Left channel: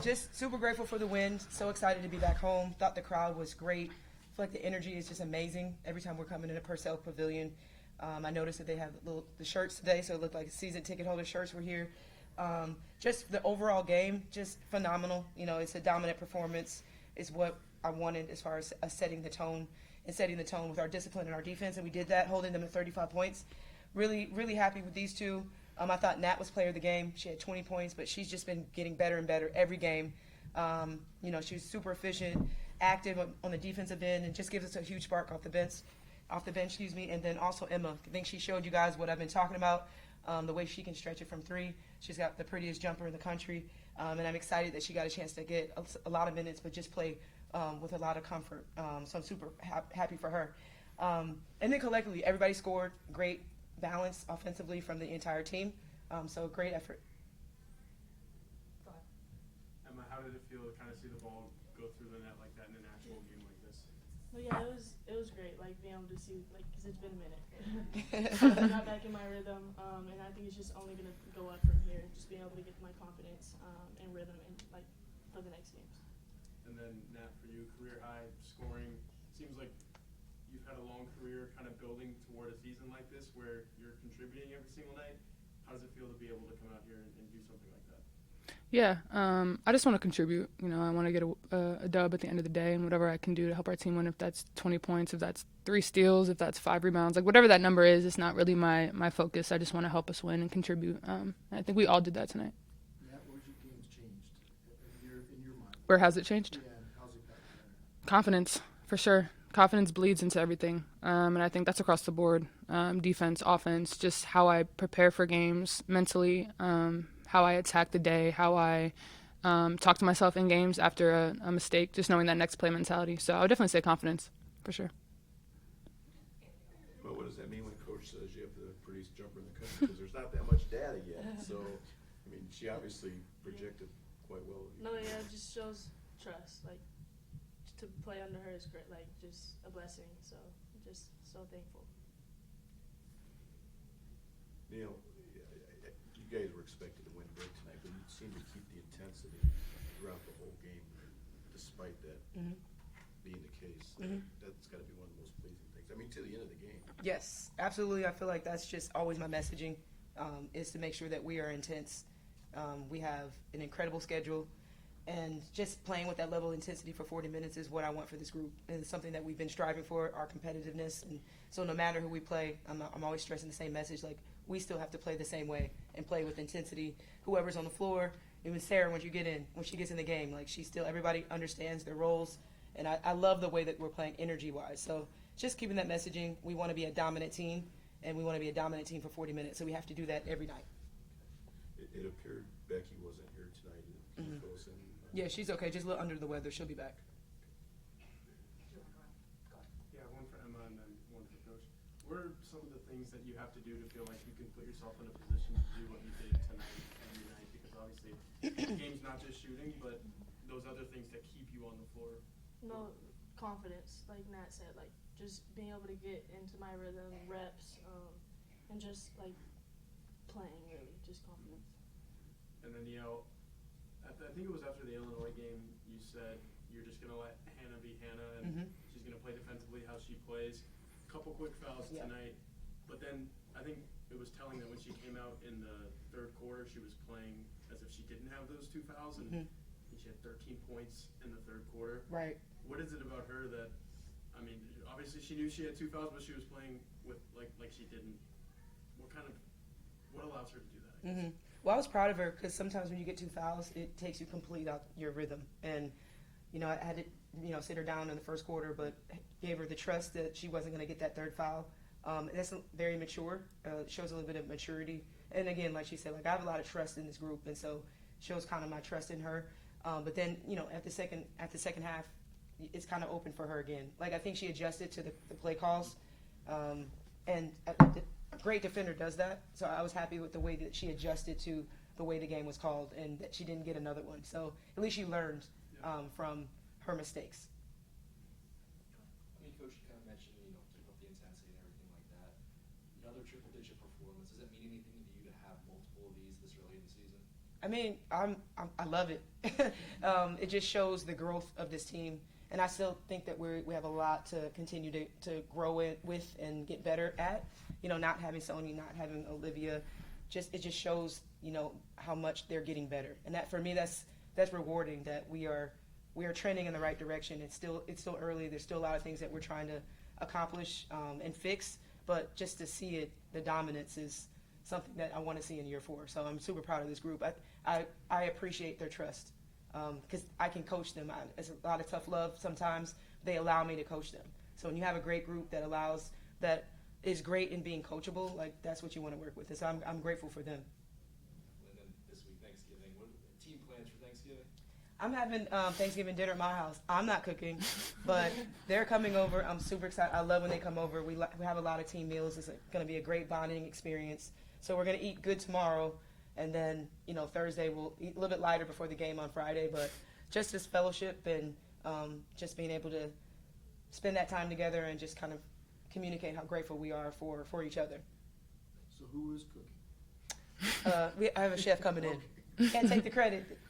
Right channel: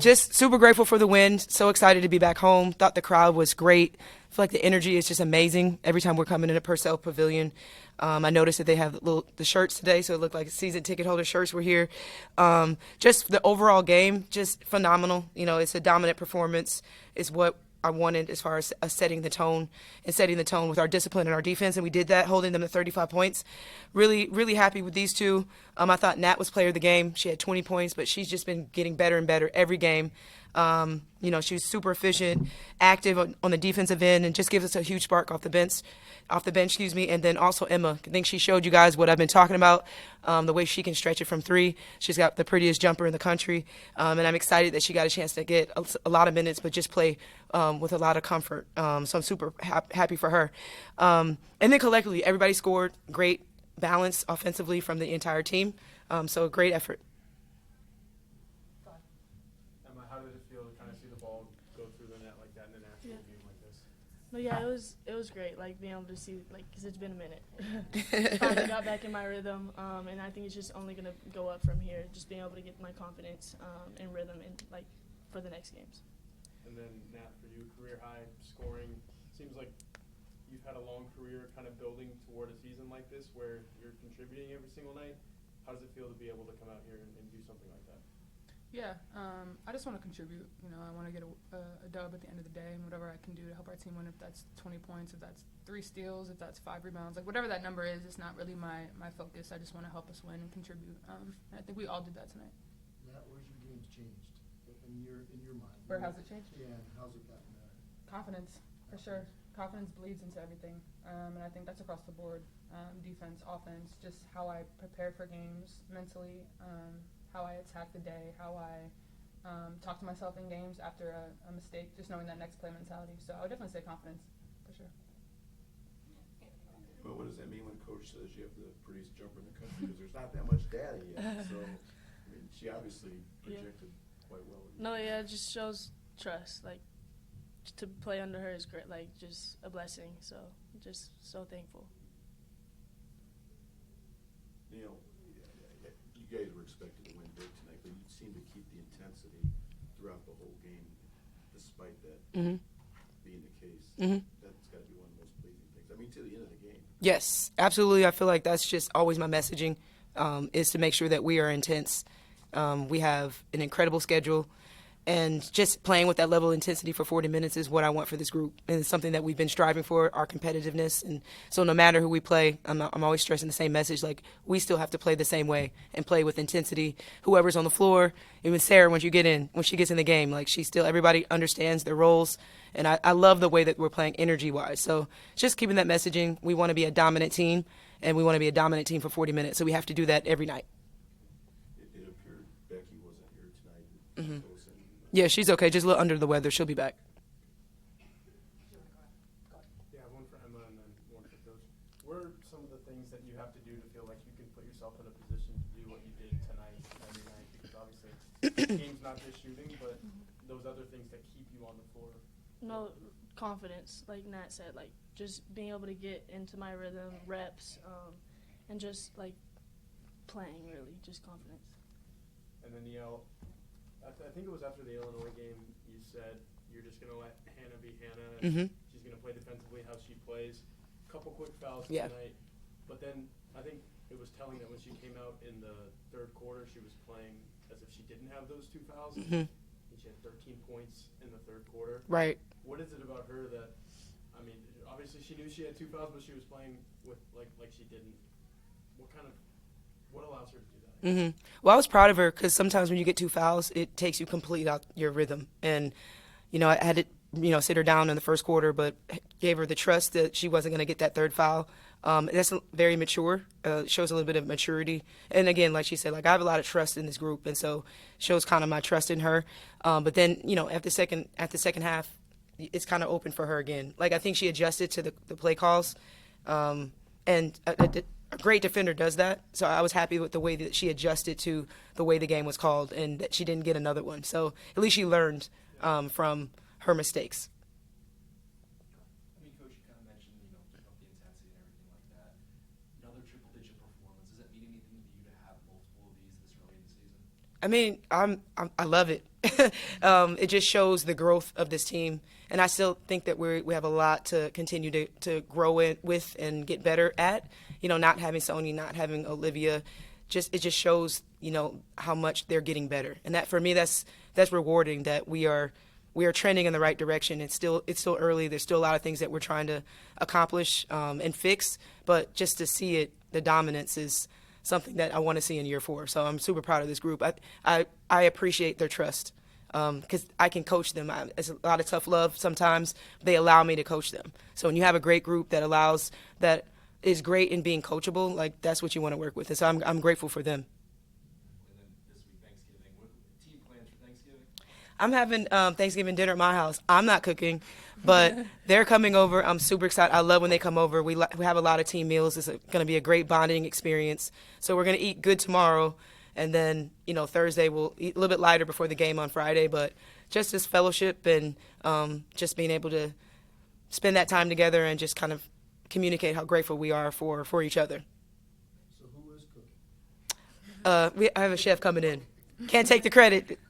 Just super grateful for the win. So excited to be back home. Thought the crowd was great. I feel like the energy is just amazing every time we're coming into Purcell Pavilion. I noticed that they have the shirts today, so it looked like season ticket holder shirts were here. Just the overall game, just phenomenal. You know, it's a dominant performance. Is what I wanted as far as setting the tone and setting the tone with our discipline and our defense, and we did that, holding them to 35 points. Really, really happy with these two. I thought Nat was player of the game. She had 20 points, but she's just been getting better and better every game. You know, she's super efficient, active on the defensive end, and just gives us a huge spark off the bench. And then also Emma. I think she showed you guys what I've been talking about, the way she can stretch it from three. She's got the prettiest jumper in the country, and I'm excited that she got a chance to get a lot of minutes, but just play with a lot of comfort. So I'm super happy for her. And then collectively, everybody scored. Great balance offensively from the entire team. So a great effort. Emma, how did it feel to kind of see the ball go through the net like that in an actual game like this? Well, yeah, it was great. Like being able to see, like, because it's been a minute. Finally got back in my rhythm, and I think it's just only gonna go up from here. Just being able to get my confidence and rhythm, and like for the next games. And then Nat, for you, career high scoring. Seems like you've had a long career, kind of building toward a season like this where you're contributing every single night. How does it feel to be able to come out here and do something like that? Yeah, I just want to contribute. You know, I want to get a dub at the end of the day, and whatever I can do to help our team win, if that's 20 points, if that's 3 steals, if that's 5 rebounds, like whatever that number is, it's not really my focus. I just want to help us win and contribute. I think we all did that tonight. Matt, where's your games changed in your mind? Where has it changed? Yeah, how's it gotten better? Confidence, for sure. Confidence bleeds into everything, and I think that's across the board. Defense, offense, just how I prepare for games mentally, how I attack the day, how I talk to myself in games after a mistake, just knowing that next play mentality. So I would definitely say confidence, for sure. But what does that mean when coach says you have the prettiest jumper in the country? Because there's not that much data yet. So, I mean, she obviously projected quite well. No, yeah, it just shows trust. Like, to play under her is great, like, just a blessing. So, just so thankful. Niele, you guys were expected to win big tonight, but you seemed to keep the intensity throughout the whole game, despite that being the case. That's got to be one of the most pleasing things. I mean, to the end of the game. Yes, absolutely. I feel like that's just always my messaging, is to make sure that we are intense. We have an incredible schedule, and just playing with that level of intensity for 40 minutes is what I want for this group, and it's something that we've been striving for, our competitiveness. And so no matter who we play, I'm always stressing the same message, like we still have to play the same way and play with intensity. Whoever's on the floor, even Sarah, when she gets in the game, like everybody understands their roles. And I love the way that we're playing energy-wise. So just keeping that messaging, we want to be a dominant team, and we want to be a dominant team for 40 minutes. So we have to do that every night. It appeared Becky wasn't here tonight. Yeah, she's okay. Just a little under the weather. She'll be back. Yeah, one for Emma and then one for Coach. What are some of the things that you have to do to feel like you can put yourself in a position to do what you did tonight every night? Because obviously, the game's not just shooting, but those other things that keep you on the floor. No, confidence, like Nat said, like just being able to get into my rhythm, reps, and just like playing, really, just confidence. And then, I think it was after the Illinois game, you said you're just going to let Hannah be Hannah, and she's going to play defensively how she plays. Couple quick fouls tonight, but then I think it was telling that when she came out in the third quarter, she was playing as if she didn't have those 2 fouls. And she had 13 points in the third quarter. Right. What is it about her that, I mean, obviously she knew she had 2 fouls, but she was playing with like she didn't. What allows her to do that? Well, I was proud of her because sometimes when you get 2 fouls, it takes you completely out your rhythm. And, I had to, sit her down in the first quarter, but gave her the trust that she wasn't going to get that 3rd foul. That's very mature. Shows a little bit of maturity. And again, like she said, like I have a lot of trust in this group, and so shows kind of my trust in her. But then, at the second half, it's kind of open for her again. Like I think she adjusted to the play calls, and a great defender does that. So I was happy with the way that she adjusted to the way the game was called, and that she didn't get another one. So at least she learned from her mistakes. I mean, Coach, you kind of mentioned, keep up the intensity and everything like that. Another triple-digit performance. Does that mean anything to you to have multiple of these this early in the season? I mean, I love it. It just shows the growth of this team, and I still think that we have a lot to continue to grow with and get better at. You know, not having Sonya, not having Olivia, it just shows, you know, how much they're getting better, and that for me that's rewarding. That we are trending in the right direction. It's still early. There's still a lot of things that we're trying to accomplish and fix, but just to see it, the dominance is something that I want to see in year 4. So I'm super proud of this group. I appreciate their trust because I can coach them. It's a lot of tough love sometimes. They allow me to coach them. So when you have a great group that is great in being coachable, like that's what you want to work with. And so I'm grateful for them. And then this week, Thanksgiving. What team plans for Thanksgiving? I'm having Thanksgiving dinner at my house. I'm not cooking, but they're coming over. I'm super excited. I love when they come over. We have a lot of team meals. It's going to be a great bonding experience. So we're going to eat good tomorrow, and then, you know, Thursday we'll eat a little bit lighter before the game on Friday. But just this fellowship and just being able to spend that time together and just kind of communicate how grateful we are for each other. So who is cooking? I have a chef coming in. Can't take the credit.